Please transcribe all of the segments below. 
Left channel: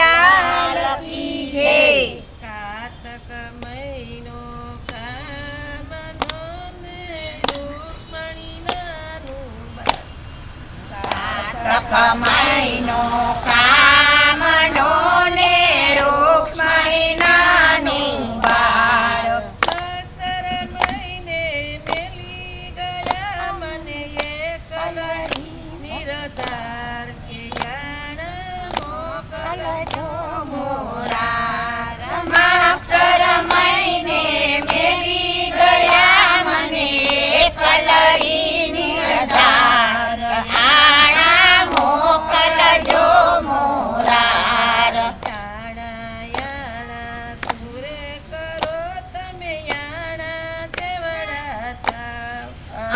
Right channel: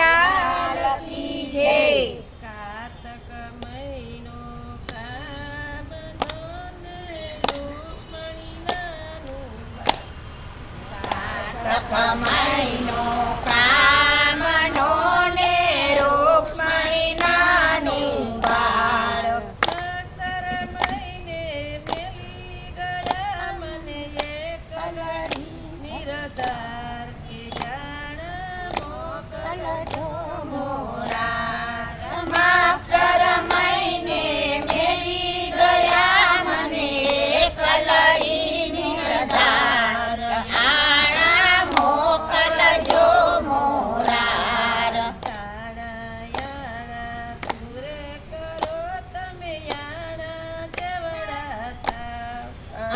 લાલ કી જય. કાતક મહિનો કામનો ને રૂક્ષ્મણીનાનું બાળ. કાતક મહિનો કામનો ને રૂક્ષ્મણીનાનું બાળ. અક્ષર મહિને મેલી ગયા મને એકલા નિરધાર કે જાણ મોકલજો મોરાર માક્ષર મહિને મેલી ગયા મને એકલડી નિર્ધાર. આણા મોકલજો મોરાર. યાણા યાણા સુરે કરો તમે યાણા જેવડા થાવ.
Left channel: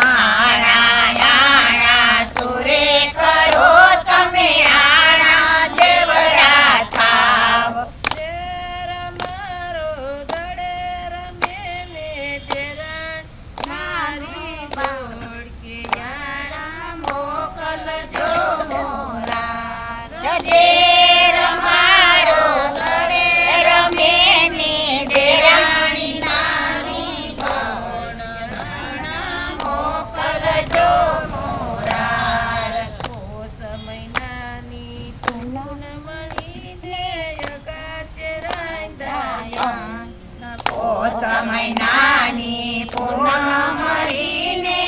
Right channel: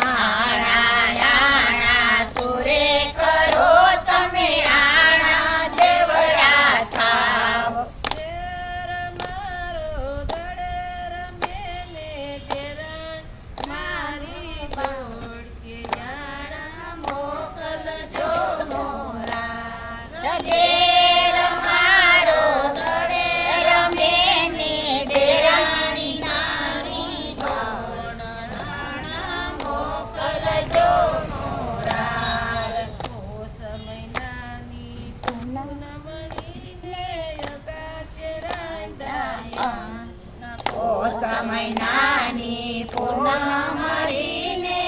આણા યાણા સુરે કરો તમે આણા જેવડા થાવ. શેર મારો દડે રમે ને ડેરાણ મારી દોડ કે યાણા મોકલજો મોરાર. ડેર મારો ગળે રમે ને ડેરાણી નારી દોડ. મોકલજો મોરાર. કોસ મહિનાની પૂનમણીને અગાશે રાંધાયા. કોસ મહિનાની પૂનમ મળીને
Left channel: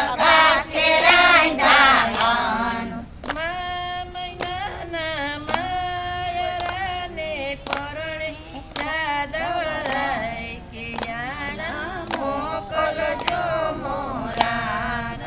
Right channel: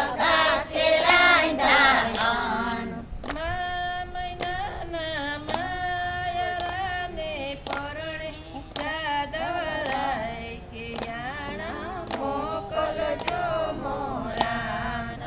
આકાશે રાંધાયન. મા મહિનાના માયરાને પરણે જાદવરાય કે યાણા મોકલજો મોરાર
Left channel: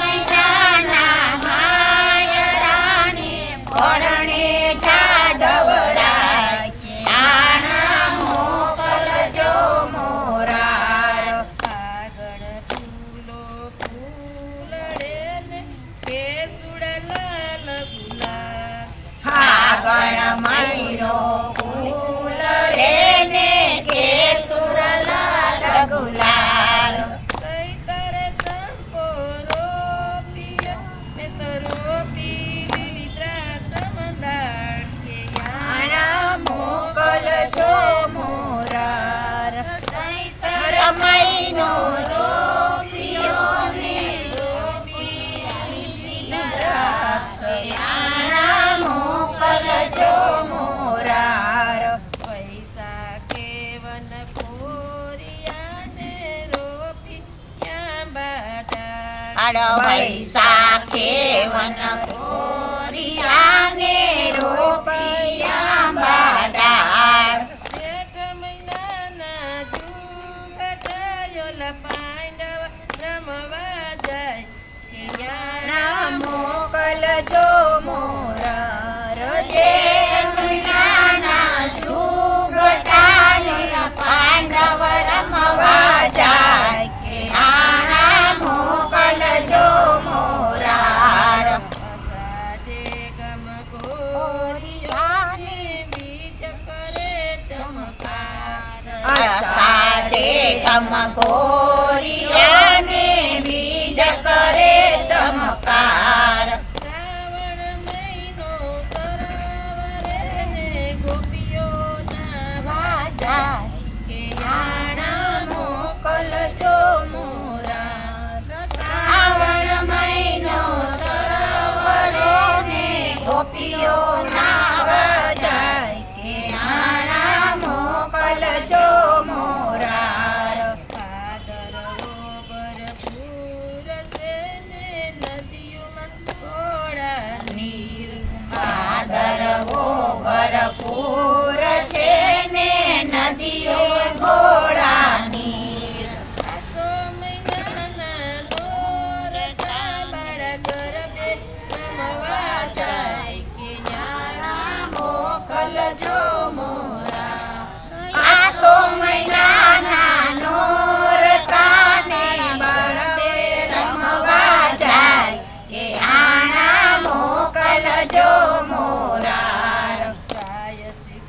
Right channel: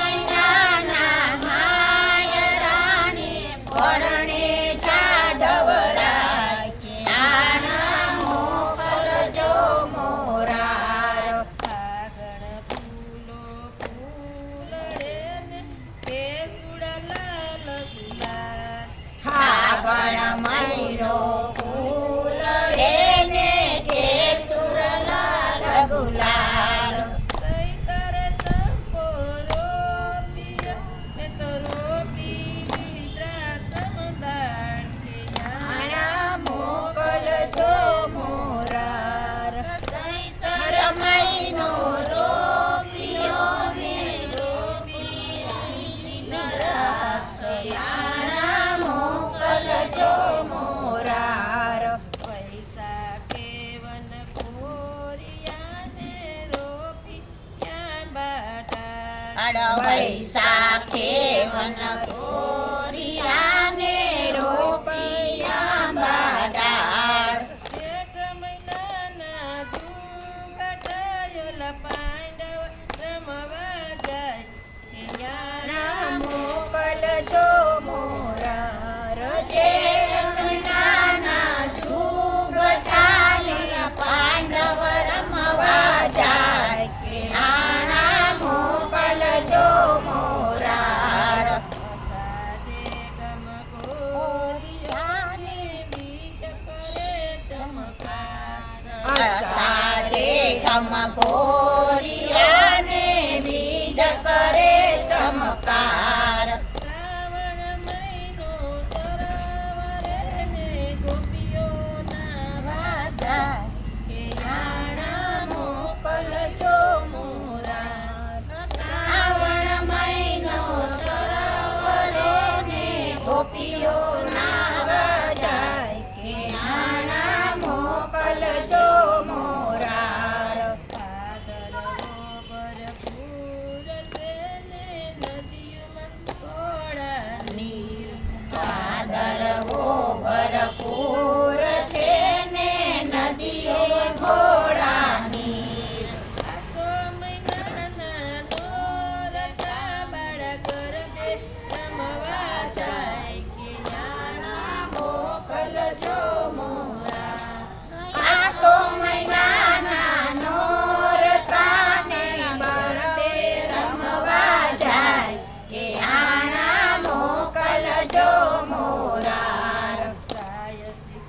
મહિનાના માયરાને પરણે જાદવરાય કે આણા મોકલજો મોરાર. આગળ ફૂલો ફૂલડે ને કેસુડા લાલ ગુલાલ. ફાગણ મહિનો ફૂલડે ને કેસુર લાલ ગુલાલ. સૈતરે સંપો રોપિયો મેં તો રોપી લીલી દ્રાક્ષ મંદાર કે આણા મોકલજો મોરાર. ચૈતર મહિનો રોપિયો ને રોપી દ્રાક્ષ. આણા મોકલજો મોરાર. પૈસા કેવન કોરિયાને રોપી ક્યાં બાટા. વૈશાખે વન કોરિયાને રોપિયા બાડાર. જેઠ મહિનાના જુગટાયોલા પાંડવ રમવા જાય કે યાણા મોકલજો મોરાર. જેઠ મહિનાના જુગટાયોલા પાંડવ રમવા જાય કે આણા મોકલજો મોરાર. અષાઢે ગમ ગોરિયાને બીજ કરે ચમકાર. અષાઢે ગમ ગોરિયાને બીજ કરે ચમકાર. શ્રાવણ મહિનો સરોવરે ને ગોપીઓ નાવા જાય કે યાણા મોકલજો મોરાર. શ્રાવણ મહિનો સરોવરે ને ગોપીઓ નાવ જાય કે આણા મોકલજો મોરાર. ભાદરવો ભરપૂર છે ને નદીઓમાં ઘોડા નીર. ભાદરવો ભરપૂર છે ને નદીઓ ઘોડા નીર. આસો મહિનાના નોરતા બાળા ગરબે રમવા જાય કે યાણા મોકલજો મોરાર. આસો મહિનાના નોરતાને બળદે રમવા જાય કે આણા મોકલજો મોરાર. ગાય શીખ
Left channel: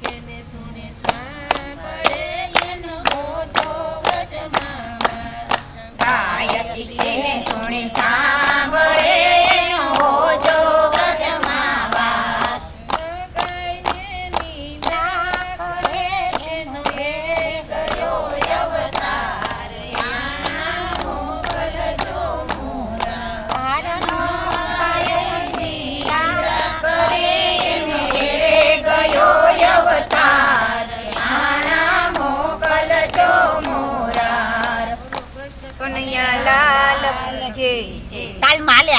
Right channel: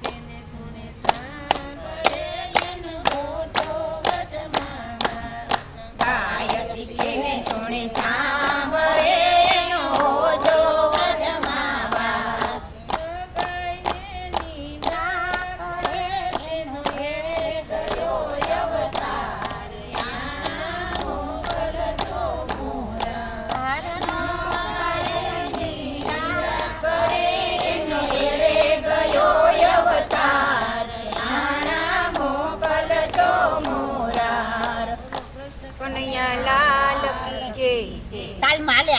કનૈયા લાલ કી જય. તાલ માલ્યા